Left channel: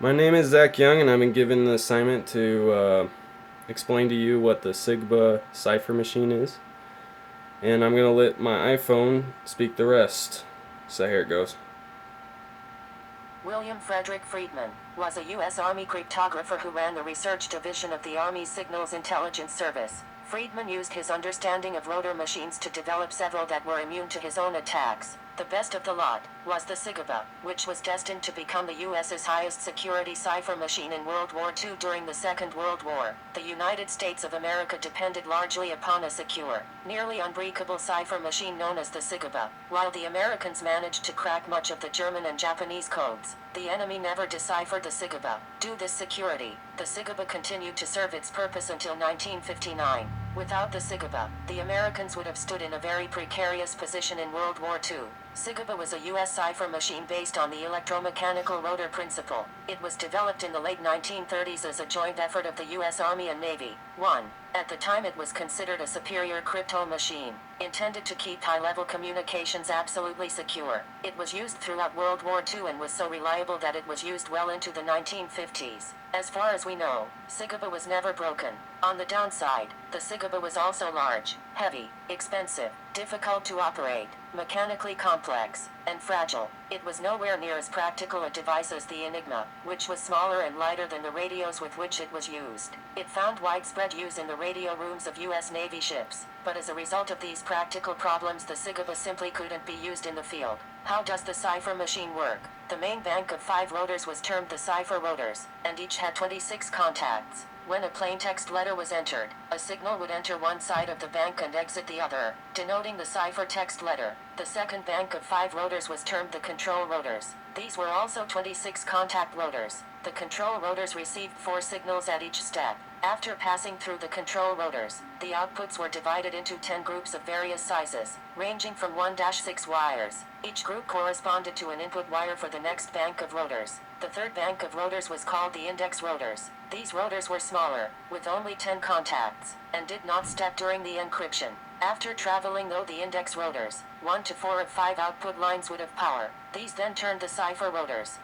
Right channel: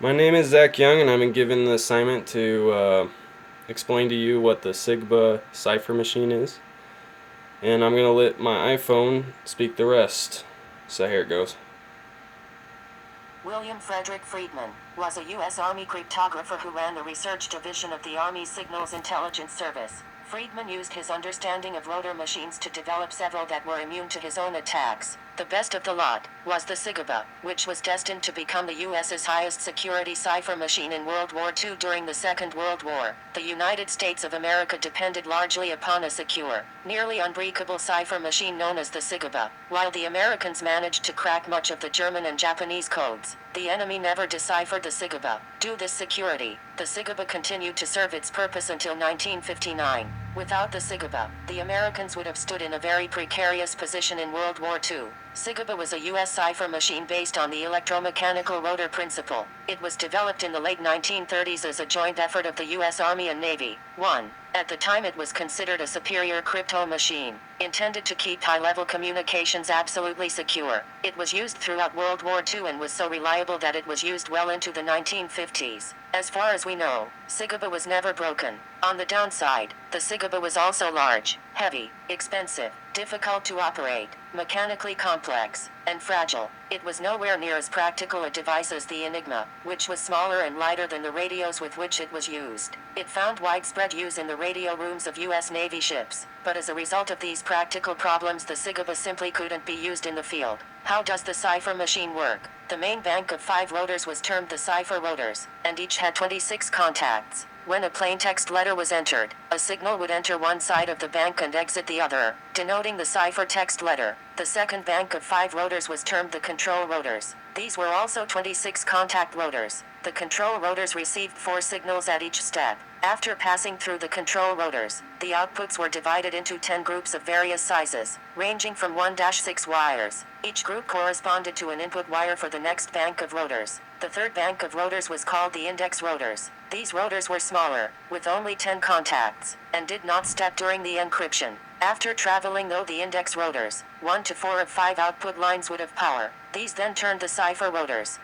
My name is Zack Young, and I've been given the assignment to explain to you what the Sigaba Cipher machine is. And I'm going to let my iPhone speak the rest. So here it goes. William Frederick Friedman was a U.S. Army cryptographer who ran the research division of the Army's Signals Intelligence Service. Friedman used his understanding of rotor machines to develop several that were immune to his own attacks. The best of the lot was the Sigaba, which was destined to become the U.S.'s highest security cipher machine in World War II. During the Second World War, the United States of America depended largely upon a secure, nearly unbreakable cipher machine known as the Sigaba. While the Americans managed to crack much of the German and Japanese codes, the enemy never deciphered the Sigaba. Due to this security, the Sigaba continued to serve its purpose until 1959. Without the Sigaba, the Americans would have stood in a very precarious position in World War II. Sigaba was a U.S. cipher machine based on the electromechanical rotor principle. It was developed in the late 1930s as a joint effort of the U.S. Army and Navy. 1. At the time it was considered a superior crypto machine, intended to keep high-level communications absolutely secure. It was used throughout World War II and was so reliable that it was used well into the 1950s. As far as we know, Sigaba was never broken. On the downside, the Sigaba was also large, heavy, expensive, difficult to operate, mechanically complex, and fragile. It was nowhere near as practical a device as the Enigma, which was smaller and lighter than the radios with which it was used. It found widespread use in the radio rooms of U.S. Navy ships, but as a result of these practical problems the Sigaba simply couldn't be used in the field. How does the cipher machine work? The main bank of 5 rotors was termed the cipher rotors, and each had 26 contacts. When a plaintext letter was entered, a signal would enter one side of the bank and exit the other, denoting the ciphertext letter. The second bank of 5 rotors was termed the control rotors. These were also 26 contact rotors. The control rotors received 4 signals at each step. After passing through the control rotors, the outputs were divided into 10 groups of various sizes, ranging from 1-6 wires. Each group corresponded to an input wire for the next bank of rotors. The third bank of rotors was called the index rotors. These rotors were smaller, with only 10 contacts, and did not step during the encryption. After traveling through the index rotors, 1 to 4 of 5 output lines would have power. These then turned the cipher rotors.